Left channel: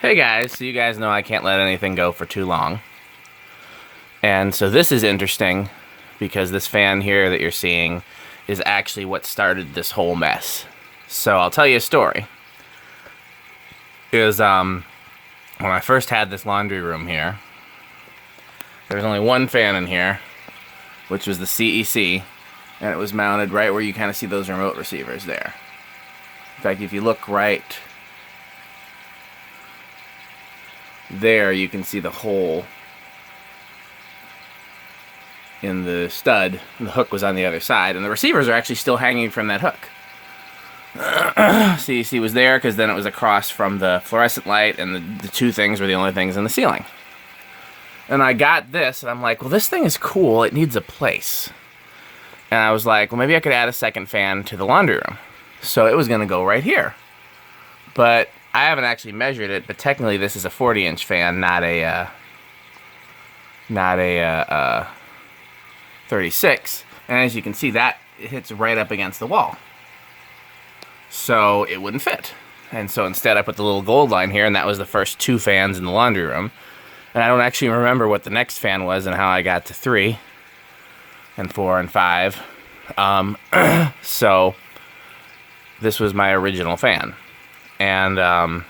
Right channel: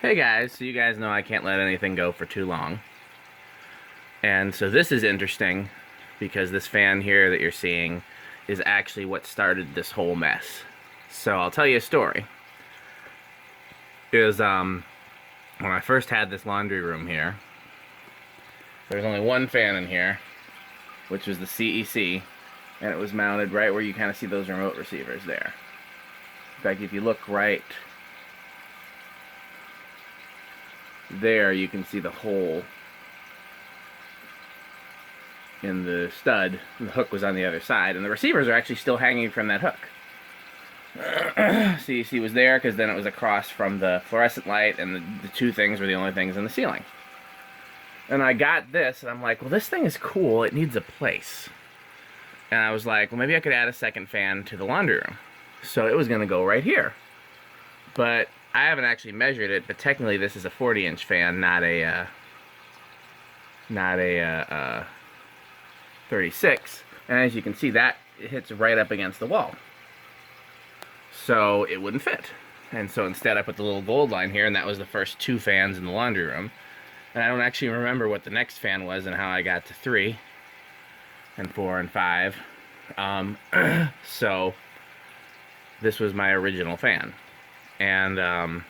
Hey guys, so you guys know I can't let anything go for too long. And so this is interesting because this fan here that you're seeing is actually what started this whole mess. So I'll tell you a story. When I first had this laundry room here, there was only one fan in here, which was the CEC, and it was mounted right where you kind of see those remote receivers there. In fact, if you look right there, you can see the hole in the stud. The hook was on the other side, and the receivers are actually still hanging from that hook. CEC was there because then it was across from the fluorescent light, and the two things were the only things in the ceiling. And I got this, and I'm like, well, this thing is cool. It needs a place. And I was like, well, maybe I could add a second fan to the laundry room. So it was going to go right here. But I haven't actually measured it, but technically this is a 40-inch fan, not a 36. And as you can see, that hits right up against the wall. So it wouldn't fit. And so instead I put the little gold line here, and that was the first two fans in the laundry room. And I don't actually remember what the next fan was and how I got to 3 and 4 and 5. So this was my original fan. And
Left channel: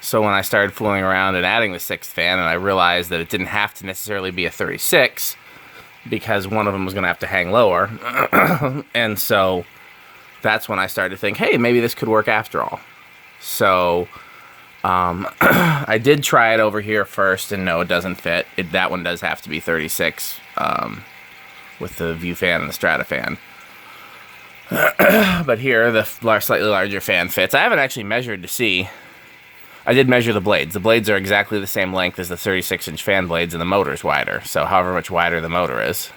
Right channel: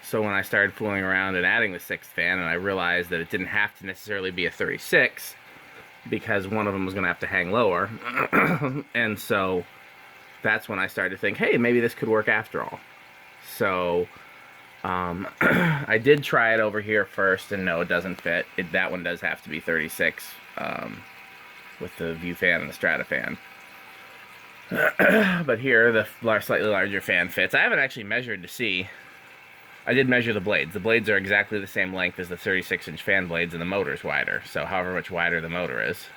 so when I started fooling around and adding the 6th fan, and I realized that it didn't have to necessarily be a 36 because one of them was going to have to hang lower. And so that's when I started to think, hey, maybe this could work after all. So I did try it over here first, and no, it doesn't fit. That one does have to be 36 with the view fan and the Strato-Fan. But here, the slightly larger fan fits. I haven't actually measured to see. I did measure the blades. The blades are exactly the same length as the 36-inch fan blades, and the motor's wider. So however much wider the motor is.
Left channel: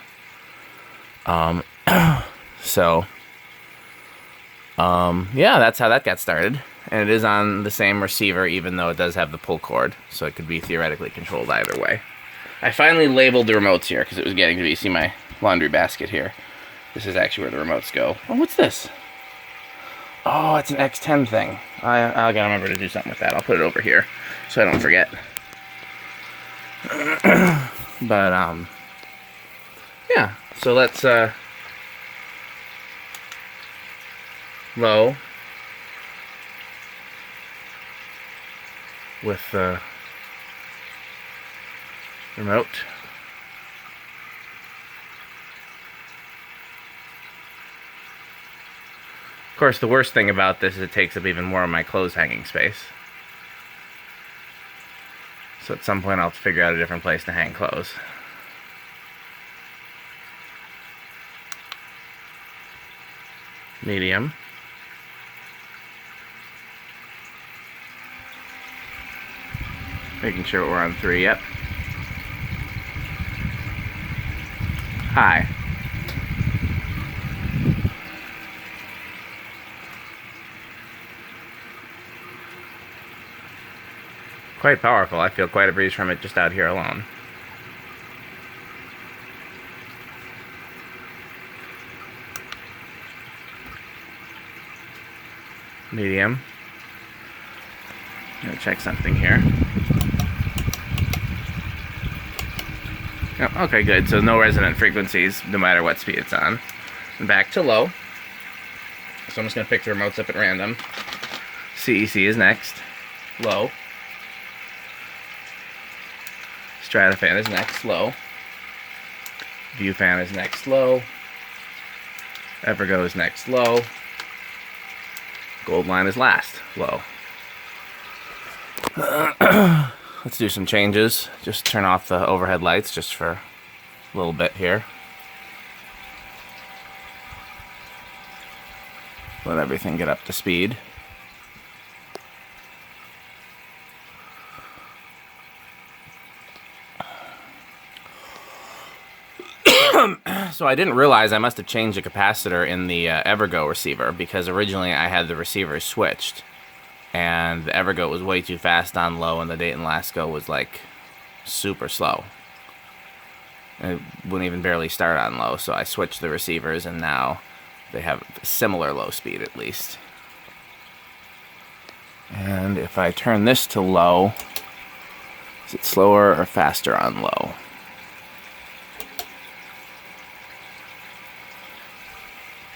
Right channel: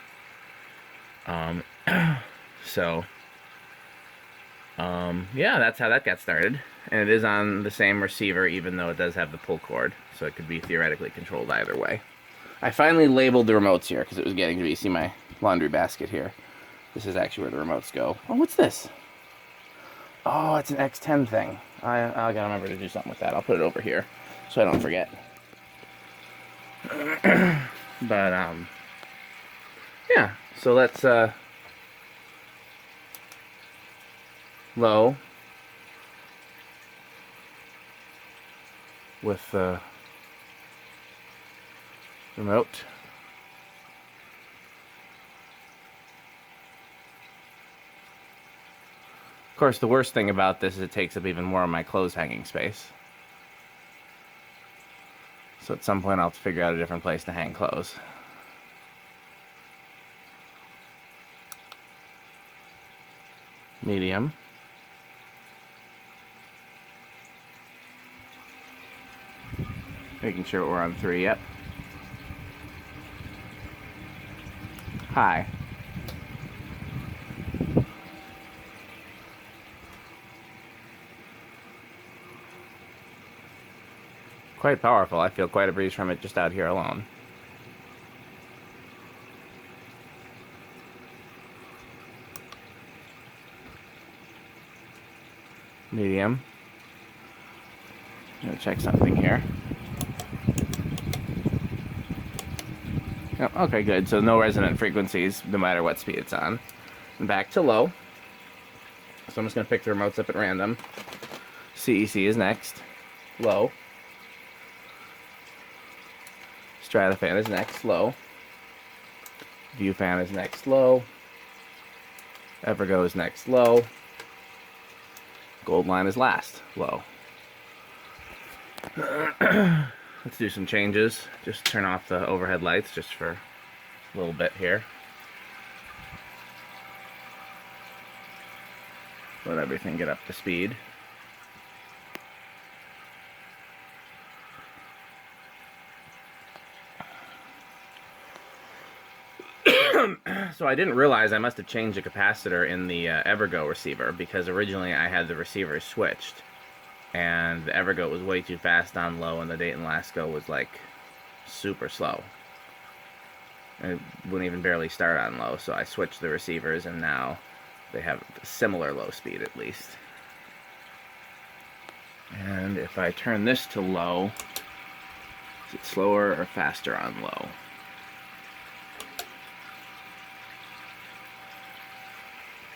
Yeah, that's how that got started. And it is on the same receiver, even though it does have the pull cord. So it could be theoretically controlled either way. I finally labeled the remotes here, because it was getting to be, see my laundry basket here. This is actually where the remotes go. Oh, what's this? Oh, it's an X10 thing. I gotta remember to do something with that. I'll put it over here so I don't forget. But, yeah. So let's, low with the remote. Of course, the worst thing about this is it takes up even more of my clothes hanging space. So at some point I'll have to figure out a different place to hang clothes. Medium. Making sure we're on 3, yep. High. Quite powerful. I feel quite a breeze from it just out here alone. Medium. I'm gonna check something here. Oh, okay, good. So no resonant frequencies, no matter what speed it's on. And back to low. So I'm just gonna pick the remotes up at random. CEC is next. Low. Strato-Fan is next, low. View fan is next, low. Evergo is next, low. Gold line is last, low. Let's do some changes. Just turn off the overhead lights just for a little bit here. Let everything get up to speed. So I didn't realize I must have changed the capacitor in the Evergo receiver, because originally I had the receivers switched, and the Evergo was way too fast on low, and the Dayton Lasko was like super slow. It wouldn't even barely start on low, so I switched the receivers, and now they have similar low speed at least. And if I turn this to low, is it slower or faster on low?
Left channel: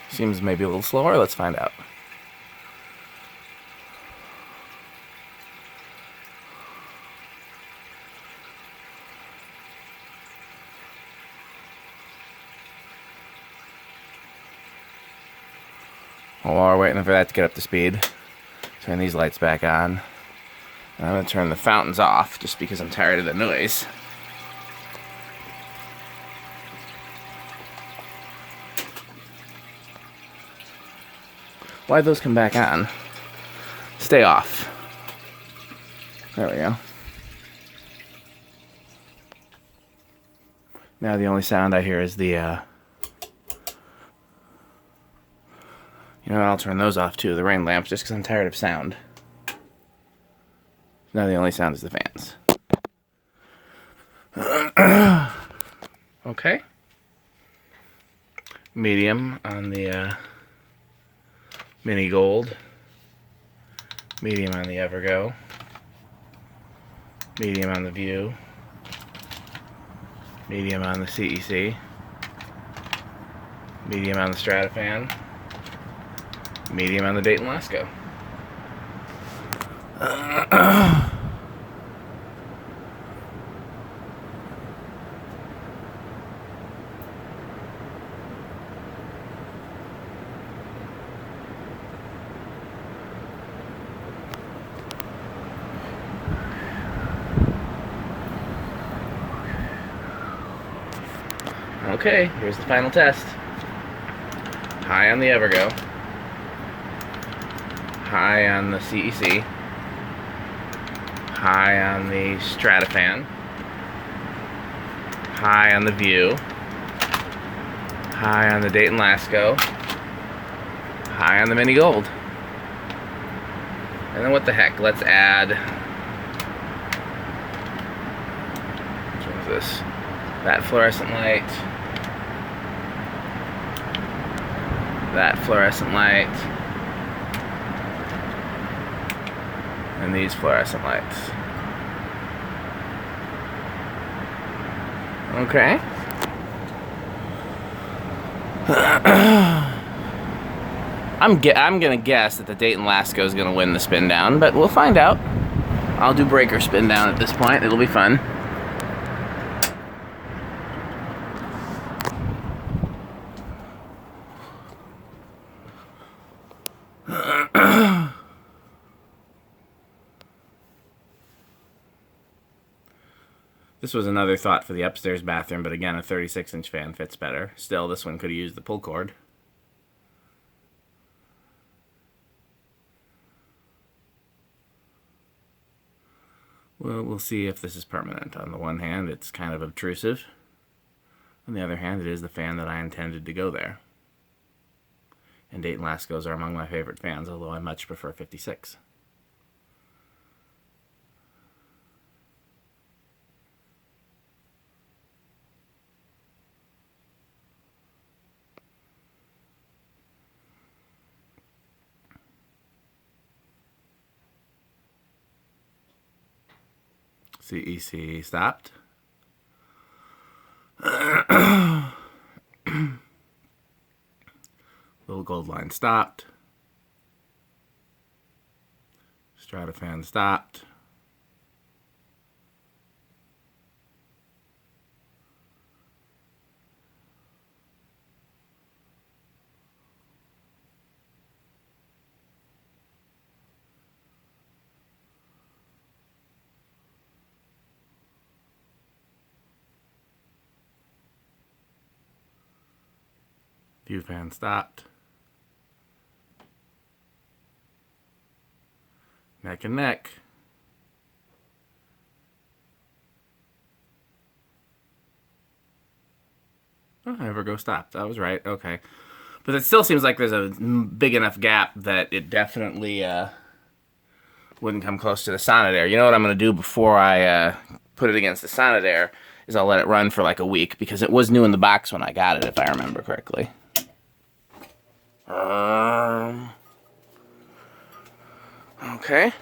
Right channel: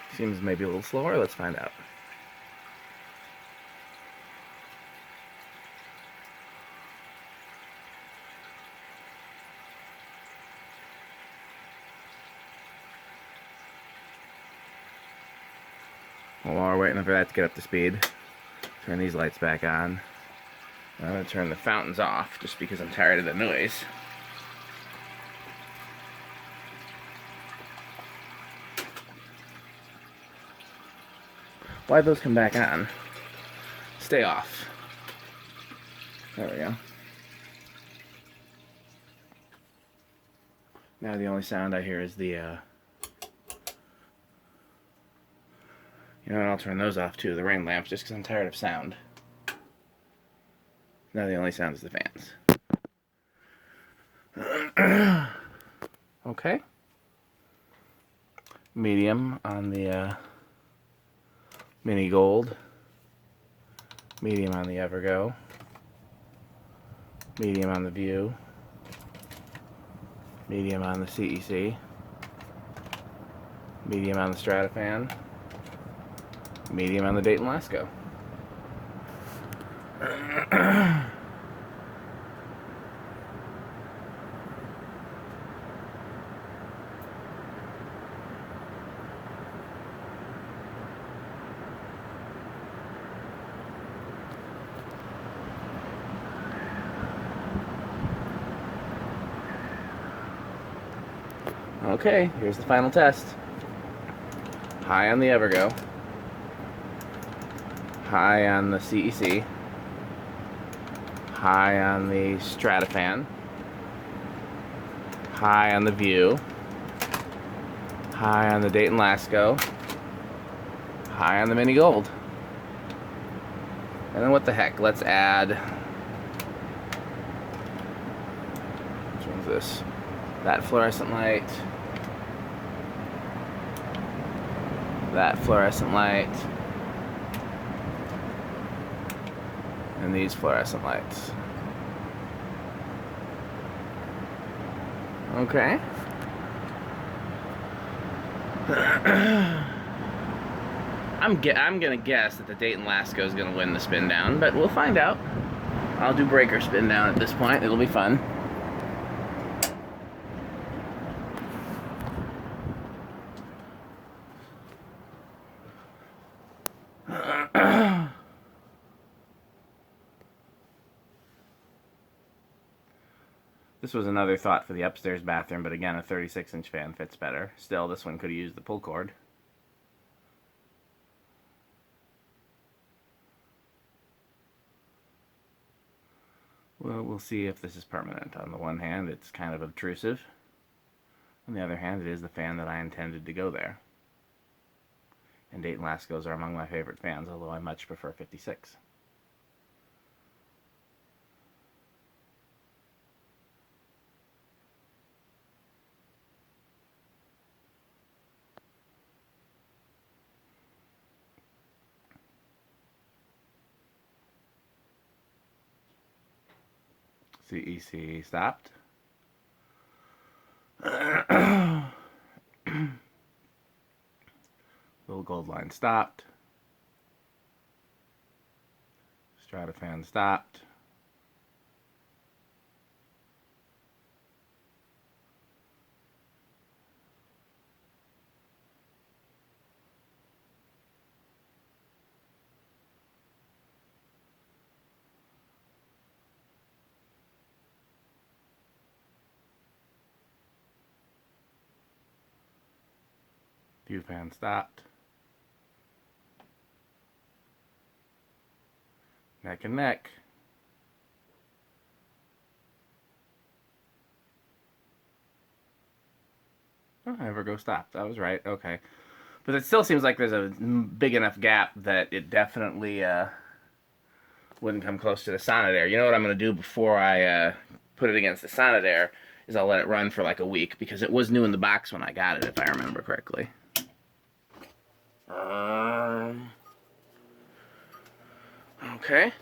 Seems maybe a little slower. Let's find out. While we're waiting for that to get up to speed, turn these lights back on. And I'm going to turn the fountains off just because I'm tired of the noise. Why'd those come back on? Stay off. There we go. Now the only sound I hear is the, you know what, I'll turn those off too, the rain lamps, just because I'm tired of sound. Now the only sound is the fans. Okay. Medium on the mini gold. Medium on the Evergo. Medium on the View. Medium on the CEC. Medium on the Strato-Fan. Medium on the Dayton Lasko. Okay, here's the final test. High on the Evergo. High on the CEC. High on the Strato-Fan. High on the View. High on the Dayton Lasko. High on the Mini Gold. And then what the heck, let's add... Which one's this? That fluorescent light. That fluorescent light. And these fluorescent lights. Okay. I'm gonna guess that the Dayton Lasko is gonna win the spin down, but we'll find out. I'll do breaker spin down at this point. It'll be fun. This was another thought for the upstairs bathroom, but again, a 36-inch fan fits better. Still, this one could have used the pull cord. Well, we'll see if this is permanent. On the one hand, it's kind of obtrusive. On the other hand, it is the fan that I intended to go there. And Dayton Laskos are among my favorite fans, although I much prefer 56. CEC stopped. Little gold line stopped. Strato-Fan stopped. View fan stopped. Neck and neck. Oh, Evergo stopped. I was right. Okay. But it still seems like there's a big enough gap that it definitely wouldn't come close to the Sonidaire. You know what I'm going to do before I put it against the Sonidaire is I'll let it run for like a week because it was new in the box when I got it, if I remember correctly. Okay.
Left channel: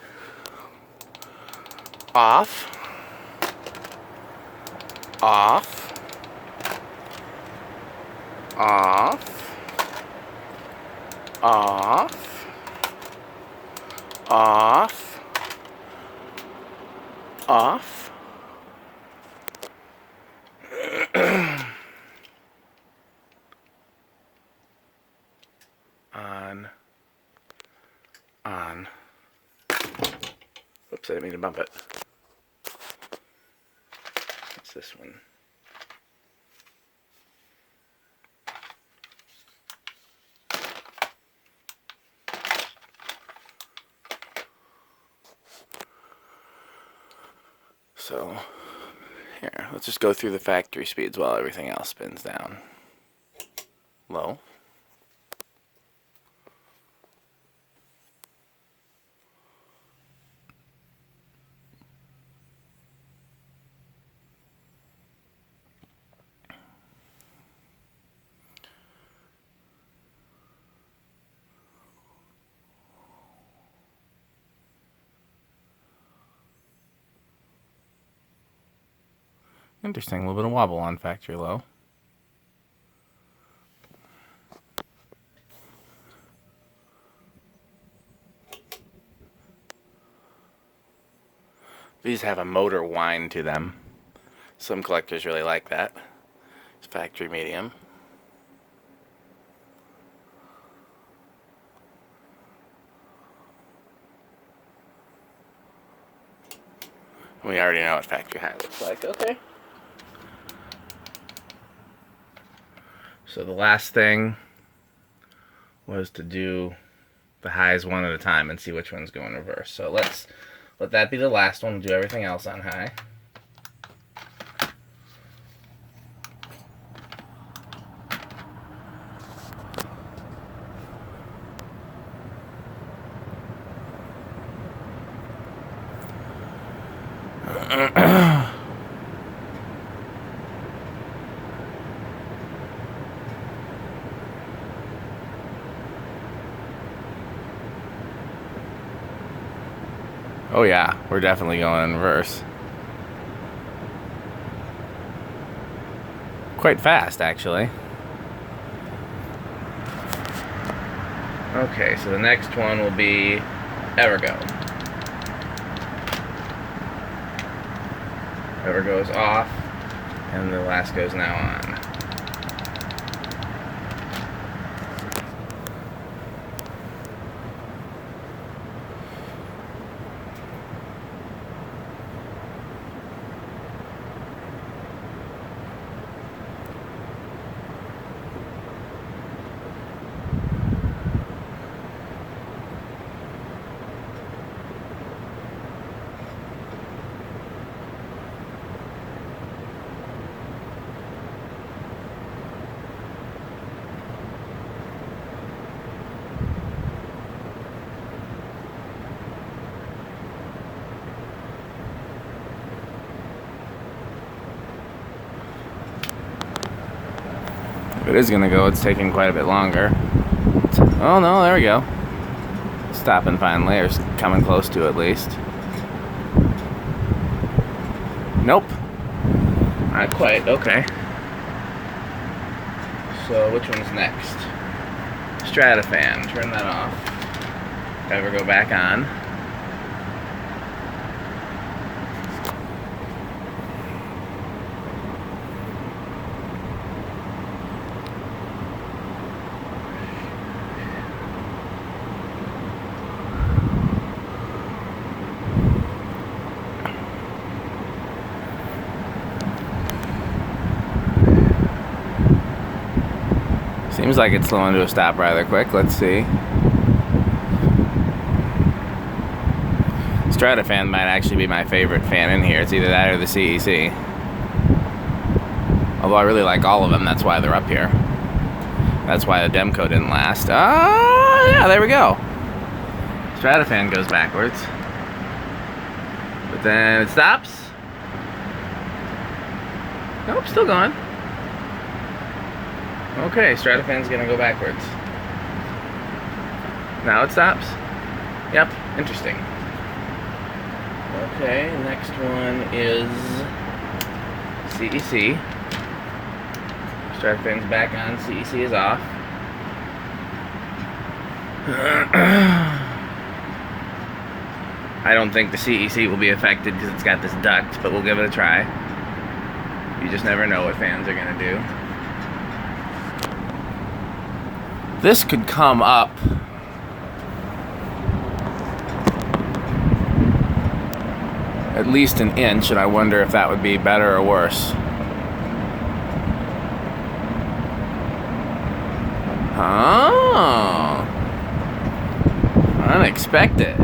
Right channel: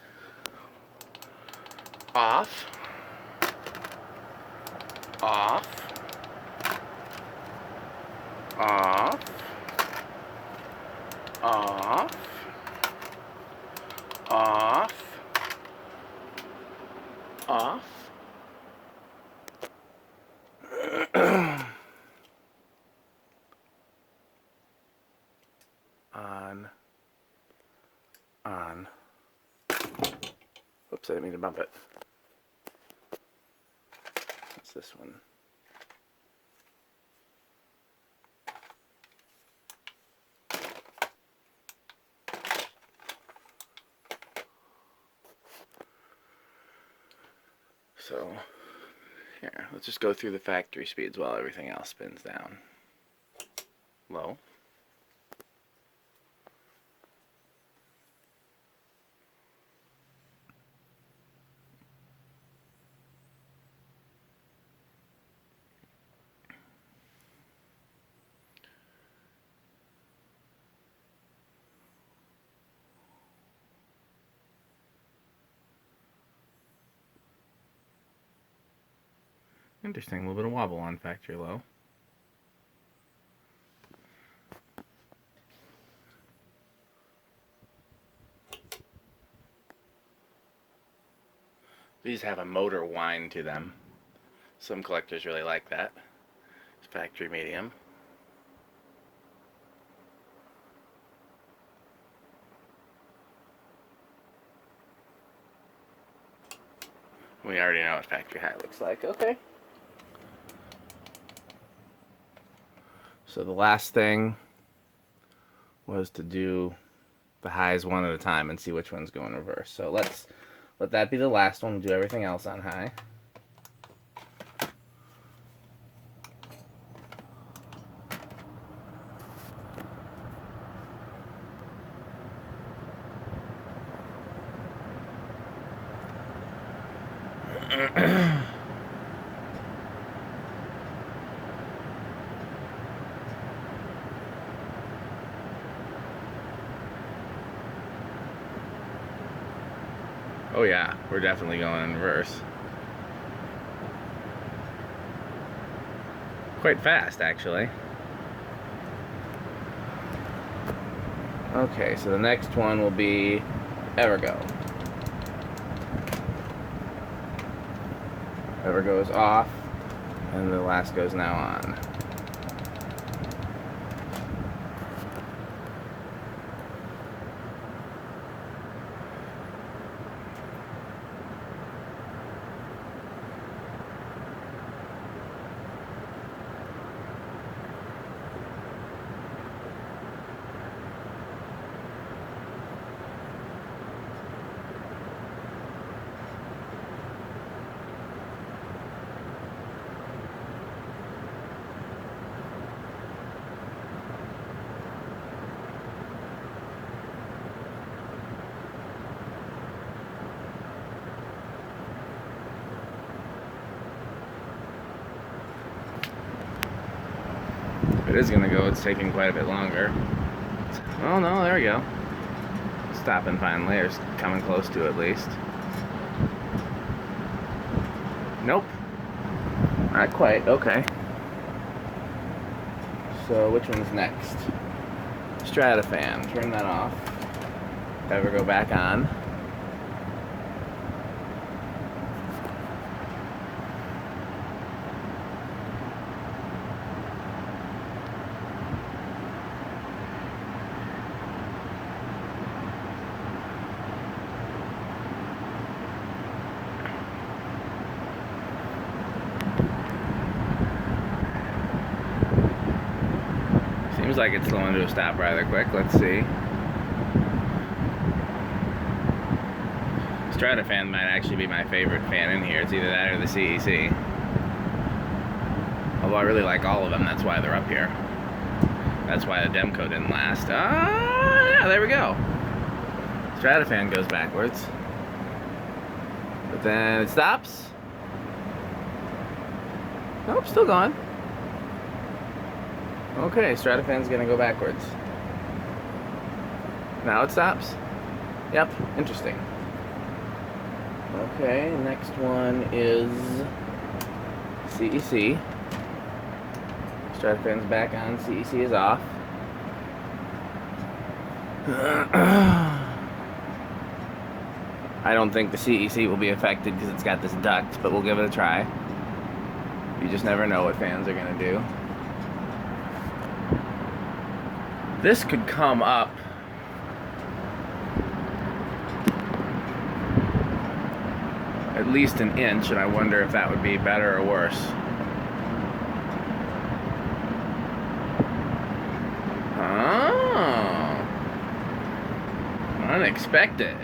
Off. Off. Off. Off. Off. Off. On. On. Oops, I didn't mean to bump it. What's this one? So, here, let's just go through the factory speeds while everything else spins down. Low. Interesting, a little bit of wobble on factory low. These have a motor whine to them. Some collectors really like that. It's factory medium. We already know what factory high looks like. Okay. So the last thing was to do the highs one at a time and see which ones go in reverse. So let's let that be the last one. We'll do everything else on high. Oh yeah, we're definitely going in reverse. Quite fast, actually. Okay, so the next one will be Evergo. Evergo is off, and the Lasko is now on. If it is going to go, it's taking quite a bit longer. Oh no, there we go. Stopping finally, or coming close to at least. Nope. Not quite, okay. So which one's next? Strato-Fan, turn that off. Evergo back on. Seems like it's slowing to a stop rather quick. Let's see. Strato-Fan might actually be my favorite fan in here. It's either that or the CEC. Although I really like all of them, that's why they're up here. That's why the Demco didn't last. Oh, yeah, there we go. Strato-Fan goes backwards. But then it stops. Nope, still going. Okay, Strato-Fan's gonna go backwards. Now it stops. Yep, interesting. Okay, next one is CEC. Strato-Fan's back on, CEC is off. I don't think the CEC will be affected because it's got this duct, but we'll give it a try. You just never know what fans are going to do. This could come up at least an inch, and I wonder if that would be better or worse. Oh, unexpected.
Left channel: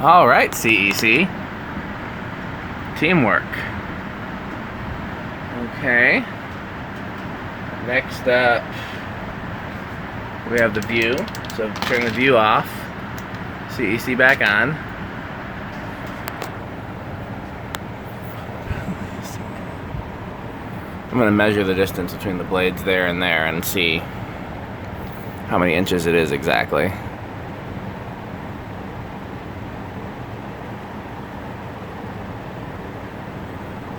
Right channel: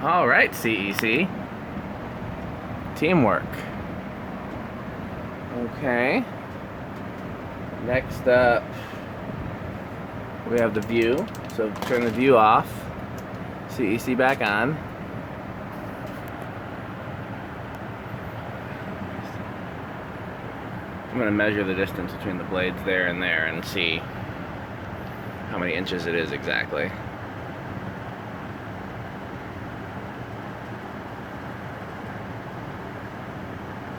All right, CEC. Teamwork. Okay. Next up, we have the view. So turn the view off. CEC back on. I'm going to measure the distance between the blades there and see how many inches it is exactly.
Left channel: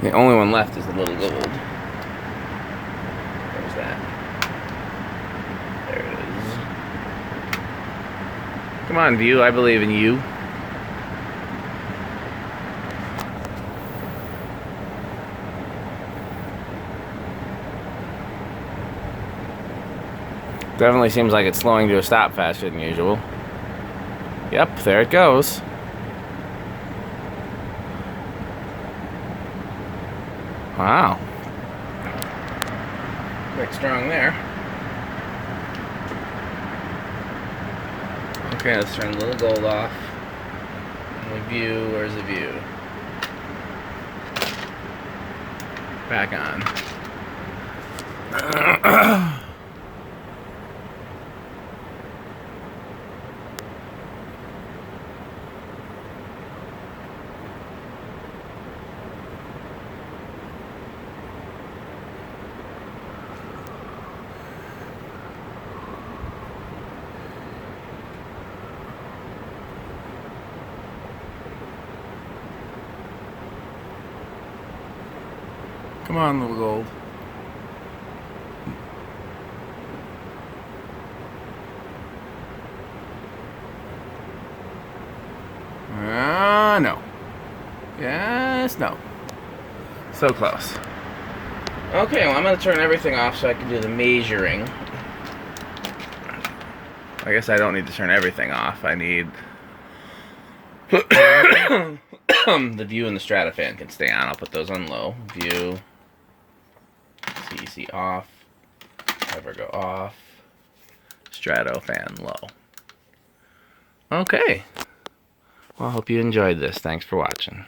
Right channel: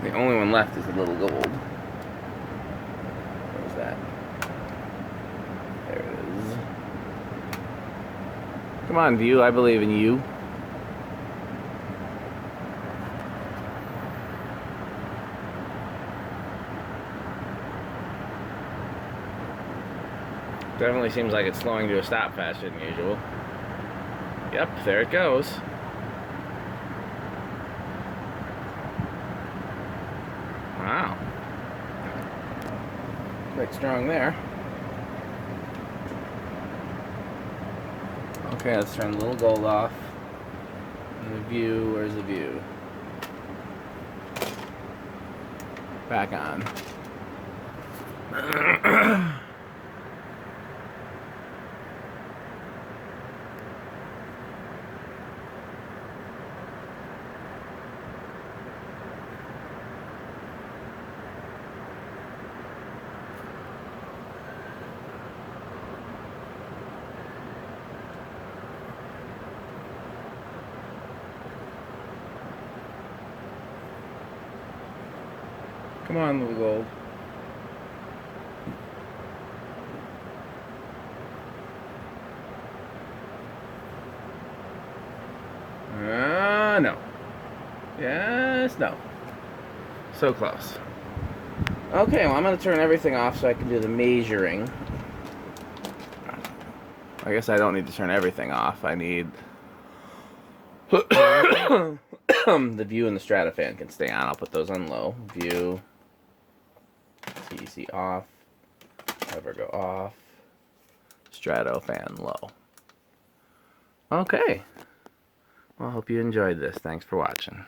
The only one left is the little gold. Where's that? There it is. Come on, view, I believe in you. Definitely seems like it's slowing to a stop faster than usual. Yep, there it goes. Wow. Quite strong there. Okay, let's turn the little gold off. The view, where's the view? Back on. Come on, little gold. No. Yes, no. So close. Okay, well, I'm going to turn everything off so I can do the measuring. I guess I don't need to turn everything off. I need... the view and the Strato-Fan can stay on. I'll put those on low. View... CEC off, Evergo off, Strato-Fan low. Okay. Well, I hope you enjoyed this. Thanks for watching.